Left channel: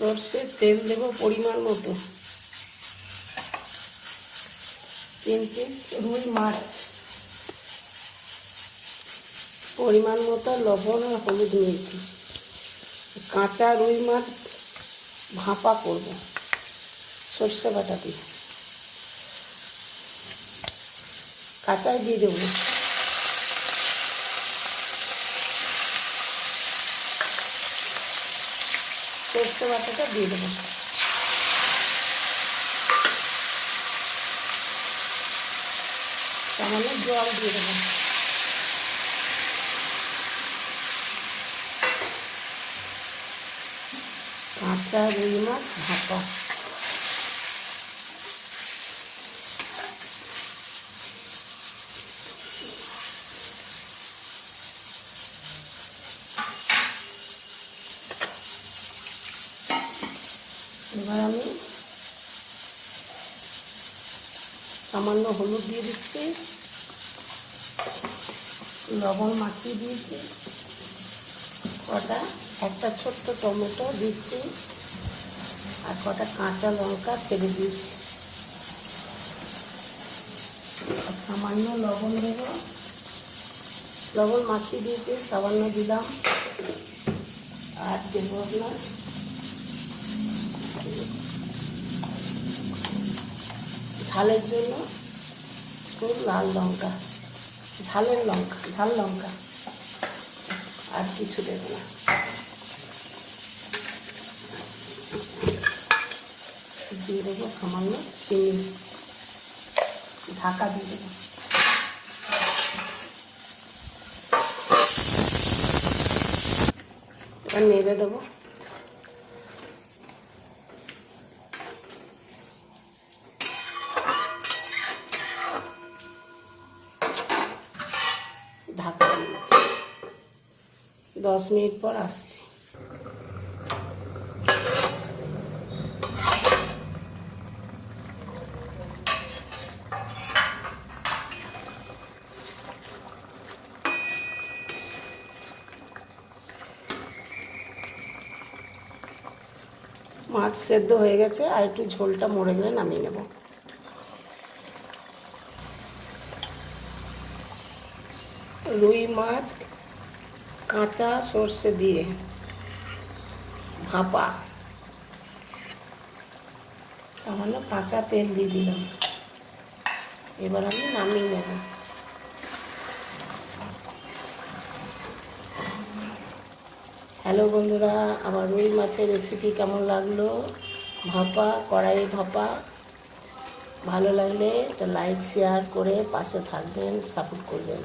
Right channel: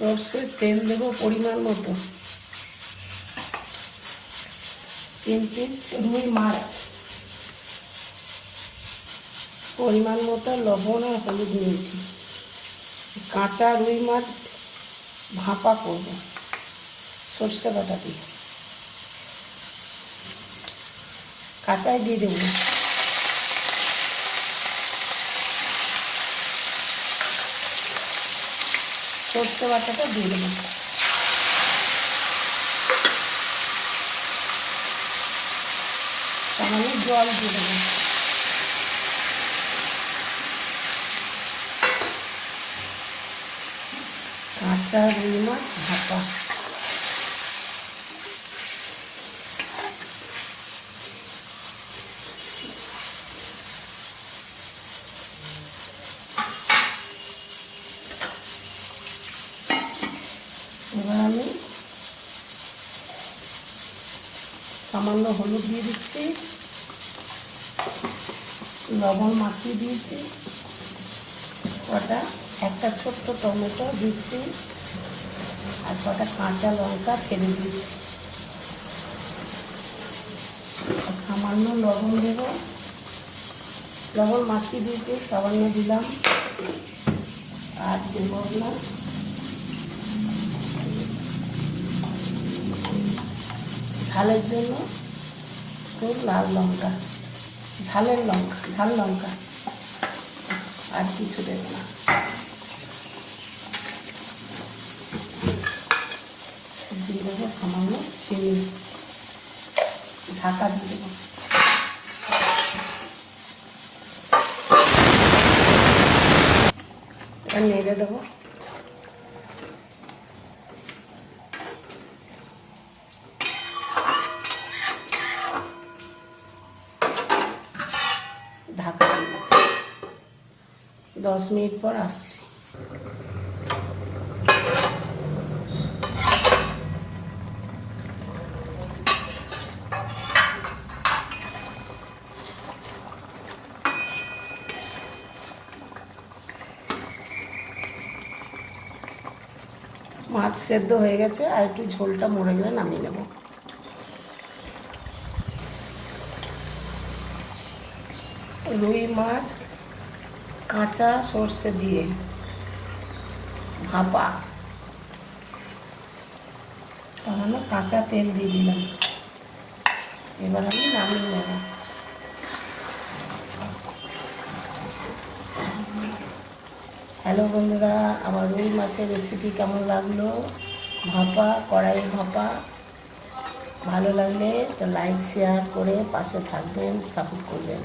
সর্ষের তেল দেবো পরিমাণ মতো। তিন পিস রুই মাছ। পরিমাণ মতো লবণ আর হলুদ নিয়েছি কাঁচা রুই মাছ ভাপা করব। সর্ষে বাটা দিয়ে। কাঁচাই দিয়ে দেবো। সর্ষে বাটাটা দিয়ে দেবো। সামান্য জল দিয়ে দেবো। কাঁচা রুই মাছ ভাপা। এবার আমি সামান্য হলুদ দিয়ে দিচ্ছি। লবণ মাখিয়ে দিয়েছি। কটা? একটা ছোট্ট টমেটো দিচ্ছি। আর কটা কাঁচা লঙ্কা ফেলে দিয়েছি। সামান্য লবণ দেবো। লবণ মাখিয়ে দিয়েছি, সামান্য দিলাম। আর দেবো না। ঝালের জন্য খুব লাল লঙ্কা, ঝালের লঙ্কা, ঝাল লঙ্কা আর কিছু দেবে না। দিয়ে দেবো সামান্য চিনি। ঢাকা দিয়ে দেবো। নেড়ে দেবো। ঢাকা দিয়ে দিচ্ছি। দশ মিনিট পর আসছি মাছ সেদ্ধ হয়ে গেছে, আর একটু ঝোলটা মরে গেলে নামিয়ে নেব রুই মাছ, কাঁচা সর্ষে দিয়ে ভাপা। তাহলে কাঁচা তেল দিয়ে দিলাম। এবার আমি নামিয়ে নেব। হ্যালো বন্ধুরা, আমার রুই মাছের রেসিপি কেমন লাগল? ভাপা কড়াই ভাপা। ভালো লাগলে তো লাইক শেয়ার করে পাশে থাকবেন সাপোর্ট করবেন।